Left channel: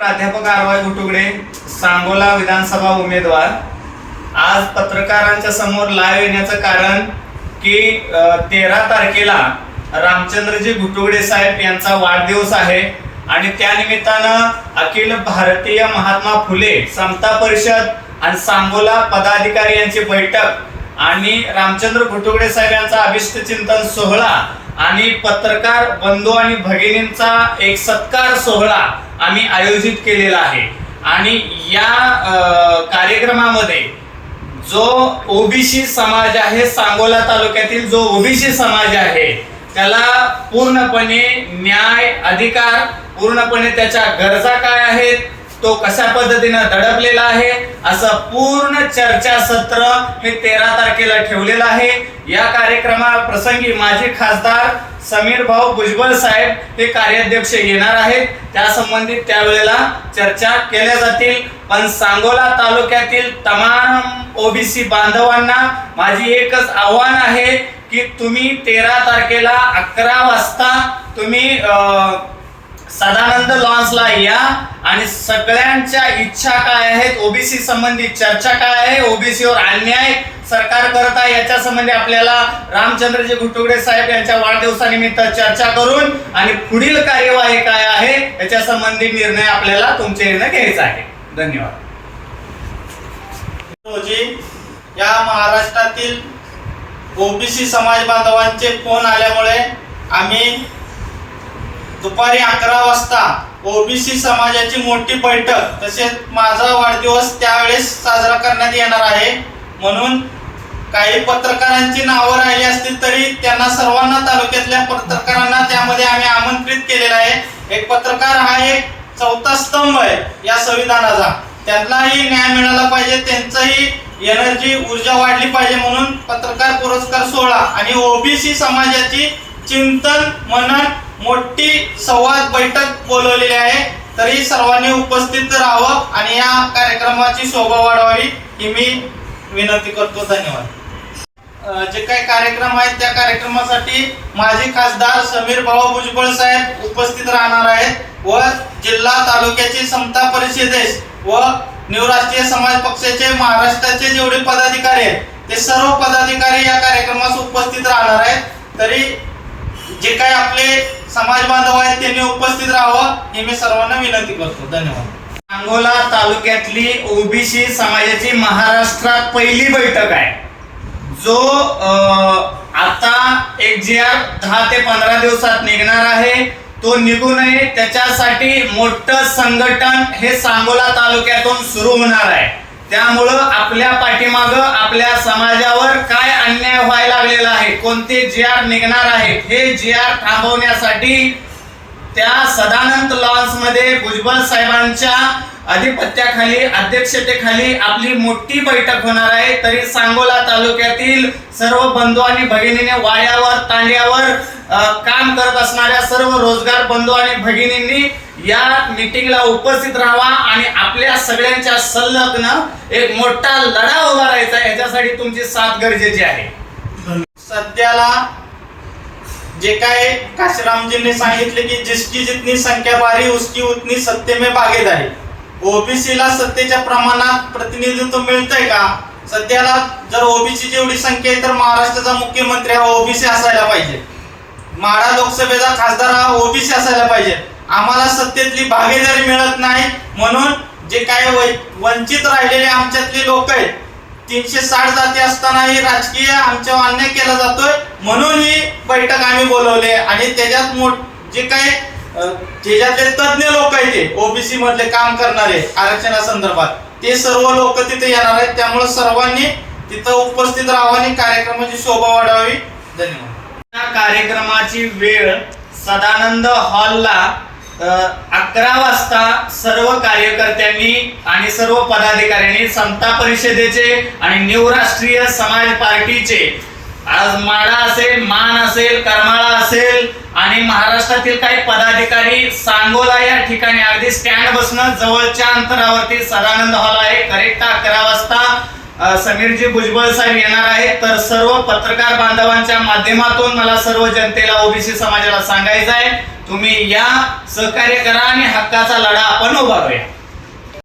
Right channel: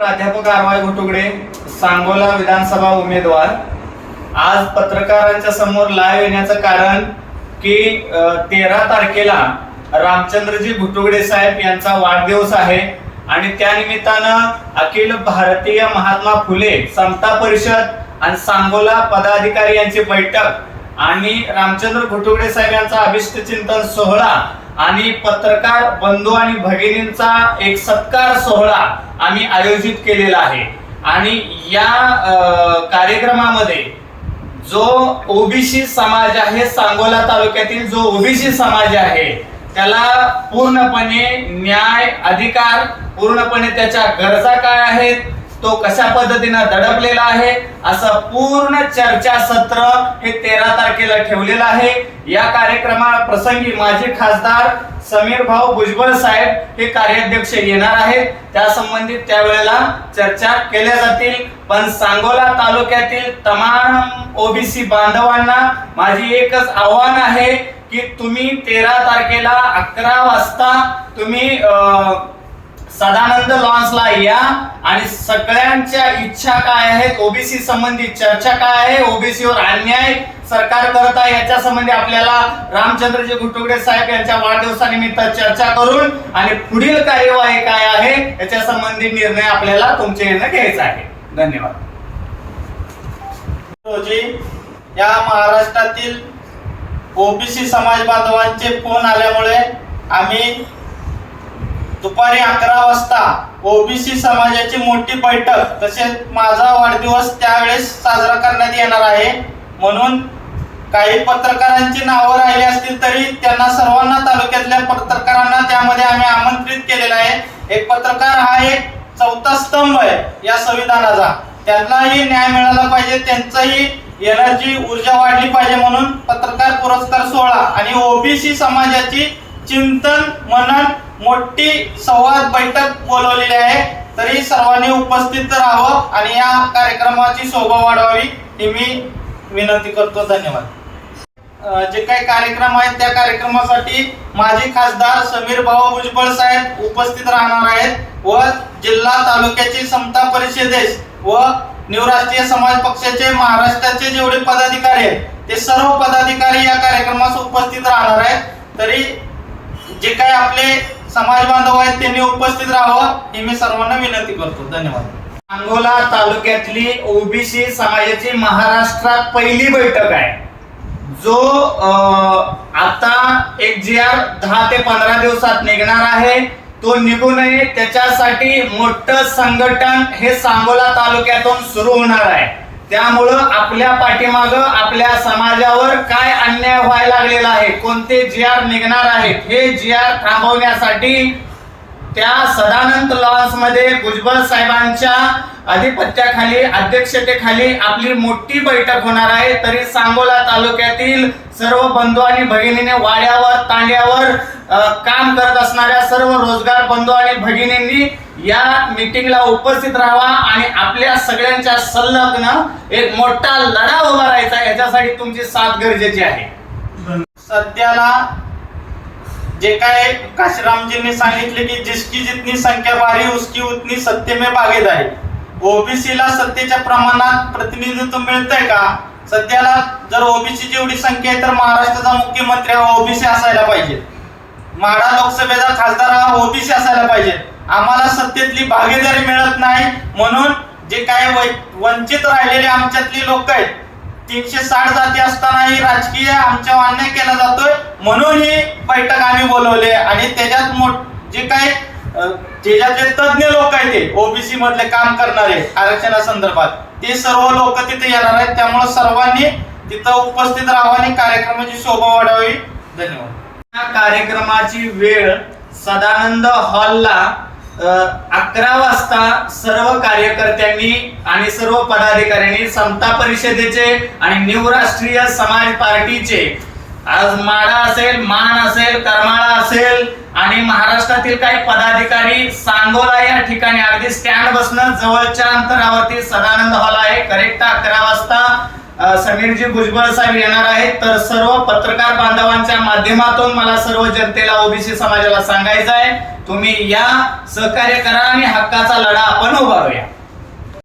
प्राध्यापक आरवाय घुटुगडे सांगोला विधानसभा उमेदवार. आज पत्रकारांच्या समोर लाईव्ह येण्याचं कारण की तेरा तारखेला रामचंद्रजी घुटुगडे साहेब यांचा वाढदिवस आहे आणि त्या निमित्तानं अखिल भारतीय महात्मा फुले समता परिषद आणि सांगोला पदाधिकारी यांची बैठक आणि रामचंद्र घुटुगडे साहेब यांचा अभिष्ट चिंतन सोहळा आणि पत्रकार बंधू आणि भगिनींचा एक सत्कार सोहळा आम्ही आयोजित केलेला आहे. आणि या कार्यक्रमामध्ये जो ओबीसी समाज आहे सांगोला तालुक्यातील जो ओबीसी समाज आहे त्याला पूर्णपणे न्याय अधिकार पूर्णपणे त्याच्या गरजा काय आहेत तो कशा पद्धतीनं दडपलेला आहे? असं पूर्ण चर्चा सत्र हे तेरा तारखेला ठेवलेलं आहे. या कार्यक्रमा प्रसंगी माजी खासदार समीर भाऊ भुजबळ साहेब हे कार्याध्यक्ष येणार आहेत. त्या संबंधित त्यावेळेला चर्चा केल्या जातील. पण सांगोला तालुक्यातील तमाम ओबीसी बांधवांना माझी एकच आव्हान आहे की तुम्ही तेरा तारखेला अकरा वाजता तुम्ही सदानंद लॉन्सला या. आणि सगळ्यांच्या इच्छा काय आहेत? ओबीसी संबंधी चर्चा काय आहे? ओबीसीवर अन्याय सरकार करत आहे याच्या संबंधी आपल्याला रामचंद्रजी घुटुगडे साहेब यांच्या वाढदिवसानिमित्त चर्चा करून आणि पुढील कार्यवाही काय आहे याच्या संबंधी निर्णय आपल्याला तुमच्या येणं घ्यायचा आहे. धन्यवाद. रोजी या महाराष्ट्रातील ओबीसी समाज बांधवांचे फोन आल्यामुळे आम्ही दुपारी अकरा वाजता ओबीसी समाजाची मोठी बैठक तसेच माझा वाढदिवस त्यावेळेस साजरा करण्यात येणार आहे. म्हणून काही पत्रकारांची नावं राहिली असतील तरी त्यांना सर्वांना तालुक्यातल्या पत्रकारांना त्यामध्ये आम्ही आमंत्रित केलेलं आहे. एक पत्रकार हा एक चौथा स्तंभ आहे या संविधानाचा. त्यांनाही न्याय मिळाला पाहिजे त्यांचंही एनर्जी ऊर्जा वाढली पाहिजे म्हणून पत्रकार पुरस्कार सोहळा आणि ओबीसी समाजाची चिंतन मनन मोठी संवाद बैठक बोलवलेली आहे. तरी सर्वांनी उपस्थित राहावं आणि या कार्यक्रमाची शोभा वाढवावी ही मी विनंती करतो. धन्यवाद. जे काही कार्यक्रम आहेत त्या कार्यक्रमासाठी माजी खासदार समीर भाऊ भुजबळ साहेब उपस्थित राहणार आहेत व जिल्हा तालुक्याची समता परिषदेस व न्यू राष्ट्रीय समाज पक्षाचे महाराष्ट्राचे जेवढे पदाधिकारी आहेत ते सर्व पदाधिकारी या कार्यक्रमास उपस्थित राहणार आहेत. तरी जे काही आपले समाज बांधव आहेत त्यांनी उपस्थित राहावं ही मी सर्वांना विनंती करतो. धन्यवाद. सांगोला तालुक्यातली ओबीसी समाजाची महाराष्ट्रात पहिली बैठक आहे. जो आता एक जी आर दहा ते पंधरा दिवसात निघणार आहे. तो निघू नये त्याच्यासाठी मोठं संघटन हे सांगोला तालुक्यातून सुरू होणार आहे. त्यामुळं आपल्या पाठीमाग आपल्या समाजावर काय अन्याय व्हायला लागलेला आहे? कोणते जी आर निघणार आहेत? हे जी आर थांबवण्यासाठी त्या सदानंद लॉन्समध्ये भुजबळ साहेबांच्या अधिपत्याखाली अध्यक्षतेखाली आपली मोठी बैठक होणार आहे. तरी सांगोला तालुक्यातील सर्व बंधू आणि भगिनीने वाड्यावर तांड्यावर काम करत असणाऱ्या सर्व रोजगार बंधू आणि भगिनींनी या मीटिंगला उपस्थित राहावा आणि आपल्या सगळ्यांच्या संलग्न एक मोठा लढा उभा राहायचा याच्यासाठी तुमची साथ गरजेची आहे. सध्याला जे काय काशीरामजींनी सांगितले की जिसकी जितनी संख्या भारी उसकी उतनी सत्य में भागीदारी ओबीसीला सत्तेच्या प्रमाणात प्रतिनिधित्व मिळतंय का? सध्याला जर ओबीसीची एवढी संख्या आहे तर महाराष्ट्राचा मुख्यमंत्री हा ओबीसी असायला पाहिजे. माढा लोकसभेचा खासदार हा ओबीसी असायला पाहिजे. आम्हाला सत्तेतली भागीदारी मिळत नाही म्हणून जे काय वंचित राहिलेले आमच्यातली लोक आहेत तीनशे साठ जाती असतानाही राजकीय आमच्या अन्याय केला जातोय म्हणून ही बैठक आम्ही बोलवले आणि त्याच्यात मोठ जे काय अं, ज्याच्यातले तज्ज्ञ लोक आहेत ते ओबीसी मधले काम करणारे आरक्षणासंदर्भात ते सर्व लोक तिथे येणार आहेत. त्यामुळे सर्वांनी तिथं उपस्थित राहावं आणि कार्यक्रमाची शोभा वाढावी. धन्यवाद. या कार्यक्रमाची वेळ सदानंद हॉलला अकरा वाजता सर्व कार्यकर्त्यांनी आणि सर्व पदाधिकाऱ्यांनी समता परिषदेचे आणि न्यू राष्ट्रीय समाज पार्टीचे आज माडा असेल मान असेल करमाळा असेल आणि महाराष्ट्रातील काही पदाधिकारी सांगोला या ठिकाणी अगदी स्टँड बसणं जवळच्या अंतरावरती सदानंद हॉल आहे. करेक्ट अकरा वाजता समीरजी भुजबळ साहेब येणार आहेत. तर सर्व पत्रकार बांधवांच्या माध्यमातून मला सर्व जनतेला ओबीसी समाजाला सांगायचं आहे तुम्ही या सहकार्य करा आणि हक्काचा लढा आपण उभारूया.